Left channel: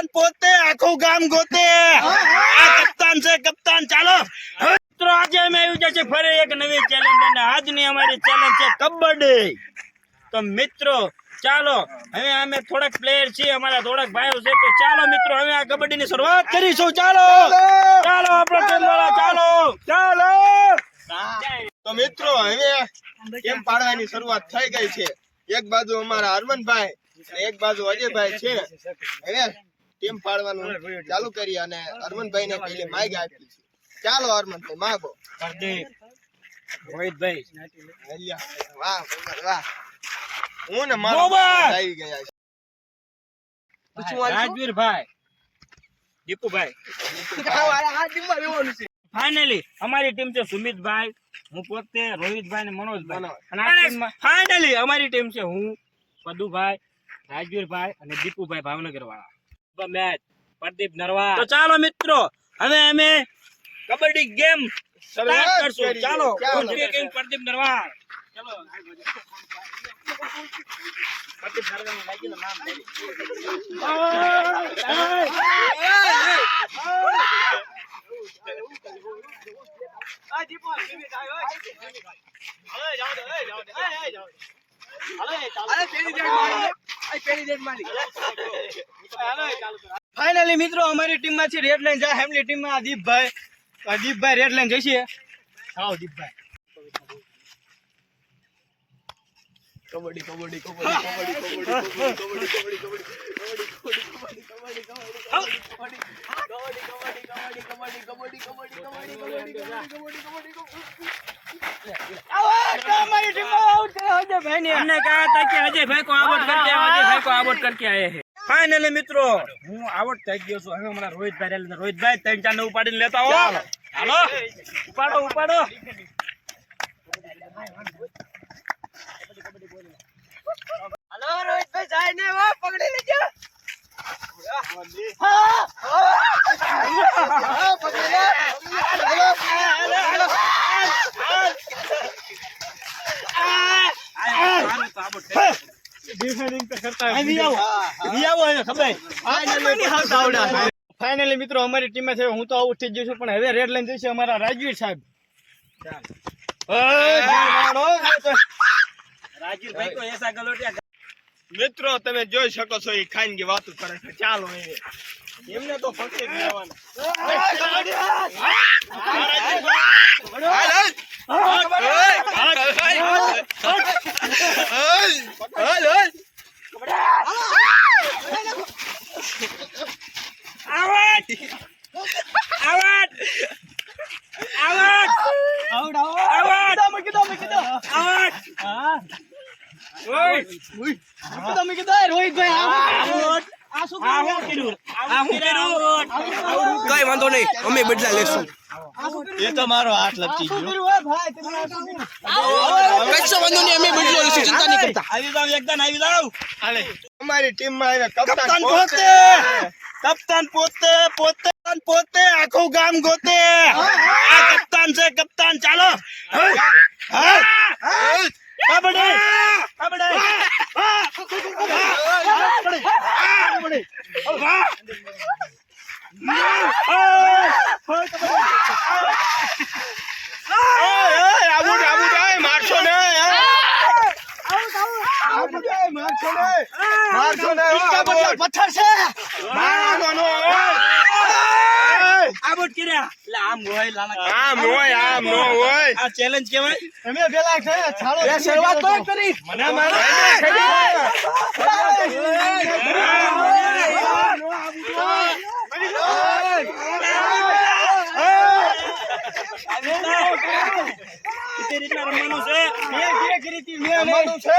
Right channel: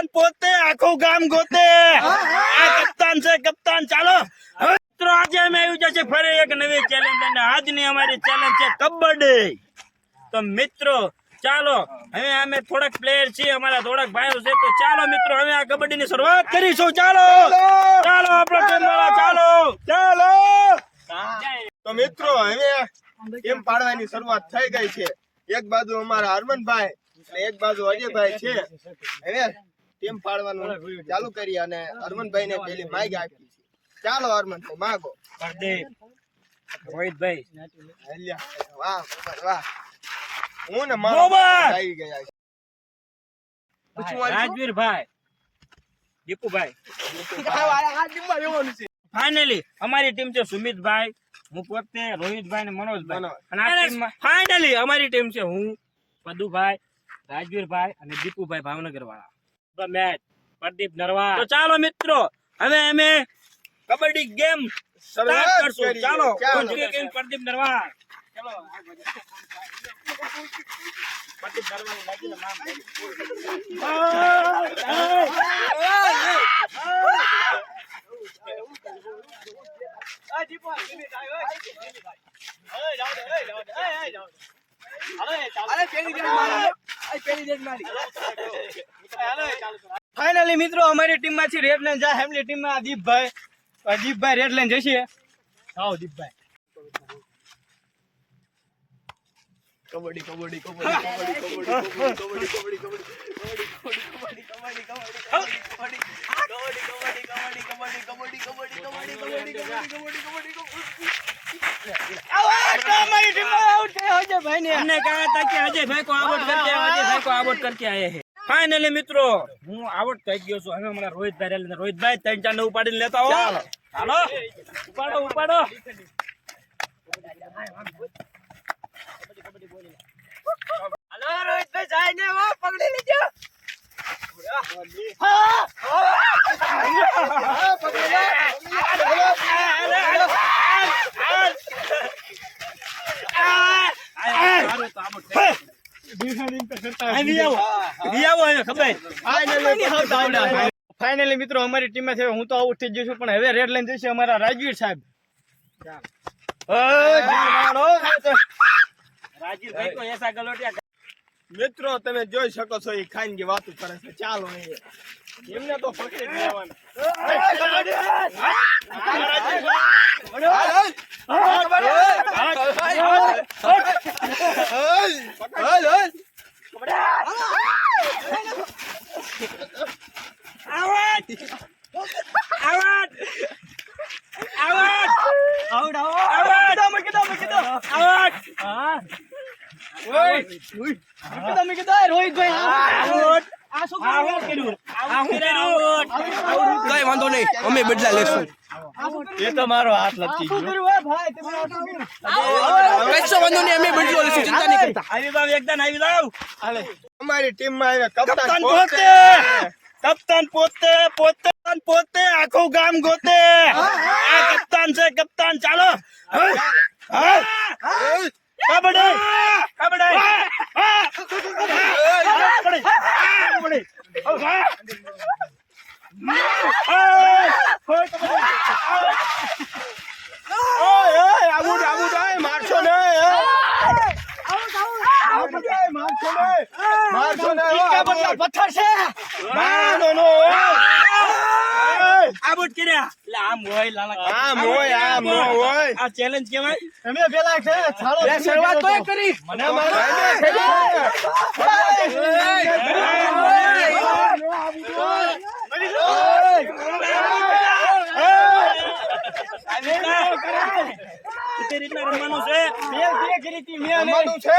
કપ્તાન પોતે આખું ગામ ગોતે આ કપ્તાન છે કપ્તાન ચાલો મિત્રો આજે અમે આવી જશે ફરી એક નવી ચેલેન્જ અને આજની અમારી ચેલેન્જ છે કબડ્ડી તો મિત્રો ચાલો હવે અમે થોડાક પ્લેયર છીએ અમારા થોડાક ભાઈઓ છે તો ચાલો મિત્રો હવે આ કબડ્ડીની શરૂઆત કરીશું ચાલો ચાલો આપણો ટીમ વાળા ચાલો ચાલો તો મિત્રો હવે કેમ પાડવાની શરૂઆત થઈ ગઈ છે એક બાજુ અમારા હરમનભાઈ અને એક બાજુ અજયભાઈ છે હવે ટીમ પાડવાનું ચાલુ કરી અને હરમનભાઈ ને પેલી માઈક આપી છે ચાલો હરમનભાઈ માગો પ્રદીપ રોહિતભાઈ વાહ વાહ હું ને મોબાઈલ. મારા આવી ગયા છે રાજવીરભાઈ દીપુભાઈ ફાઇનલી અમારી ટીમ છે સુમિતભાઈ હું પોતે રોહિતભાઈ ને મનોજભાઈ અને આ ટીમમાં ફાઇનલી અમારી ટીમ છે હું પદુભાઈ રાજવીરભાઈ અને દીપુભાઈ ભાવનગર વાળા મેચ પ્રદીપ નરવા તો ચાલો મિત્રો હવે અમે કબડ્ડી ગેમ સ્ટાર્ટ કરશું ચાલો પ્રદીપ નરવા ચલો પ્રદીપ નરવા લાગી નામ ફાઇનલી મિત્રો અમારી ટીમ માંથી રેડ લાઈન જાય એમની ટીમ માં દીપભાઈ રેડ લાઈન જશે આવો દીપભાઈ કબડ્ડી કબડ્ડી કબડ્ડી કબડ્ડી કબડ્ડી हमने कहा था कि अजय भाई को आउट करके अजय भाई को आउट करके आए हैं फाइनली મિત્રો હું આઉટ થઈ ગયો છું હવે અમારા રોહિતભાઈ ત્રણ ચાર ને ઉપાડીને લેતા હો હાલો ઉપાડો હાલો રોહિતભાઈ જાય ને વો પકડી લેજો ફાઇનલી મિત્રો અમારી ટીમ છે હું તો આઉટ થઈ ગયો છું પણ હવે રેડ લાઈન જશે અમારા રાજવીર સાહેબ રાજવીરભાઈ તો એસા ગલોટિયા મિત્રો તમે જોઈ શકો છો એ ખાઈને કે વાતો કરે છે ચાલો એમને તો ફક્ત કઈ વાંધો નહીં અમે બદલા લેશું એ તો મારો હાથ લપસી ગયો કશો વાંધો નહીં અમે બદલો લેશું ચિંતા નહીં કરતા આવી જાવ એકદમ આવી જાવ હાલે અમારી ટીમ માં કપ્તાન પોતે આખું ગામ ગોતે આ કપ્તાન છે કપ્તાન ચાલો કબડ્ડી મારશો ને પથ્થર છે આઉટ કર્યા એટલે આમ હોય લાલા આમ હોય આ ચેલેન્જ કેવાય અમે પેલા છે છાળો શરૂઆત તો કરી મને રીતના રમવાનું છે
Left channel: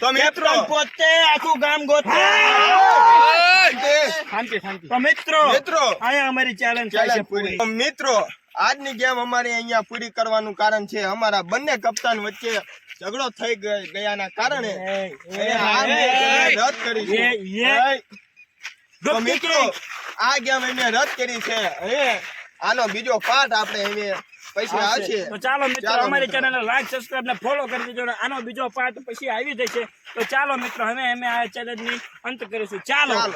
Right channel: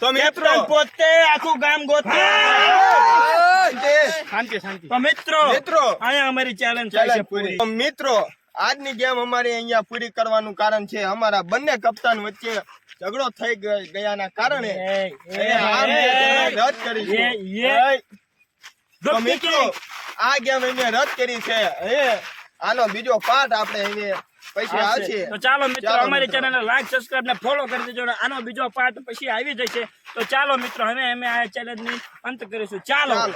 તો મિત્રો પોતે આખું ગામ ગોતે શાંતિ તો મિત્રો અહીંયા અમારી ચેલેન્જ છે પૂરી તો મિત્રો આજની ગેમ અમારી અહીંયા પૂરી કરવાનું કારણ છે અમારા બંને કપ્તાન વચ્ચે ઝઘડો થઈ ગયાના કારણે રદ કરી છે તો મિત્રો આ ગેમ અમે રદ કરી છે આનો બીજો પાર્ટ આપણે હવે પછી આવશે. તો ચાલો મિત્રો ચાલો અમારી મિત્રો. ચેનલને લાઈક સબસ્ક્રાઇબ ને ફોલો કરી દેજો અને આનો બીજો પાર્ટ પછી આવી જશે. તો ચાલો મિત્રો હવે અમે આ ચેલેન્જની અંત કરીશું. ચાલો. ચાલો.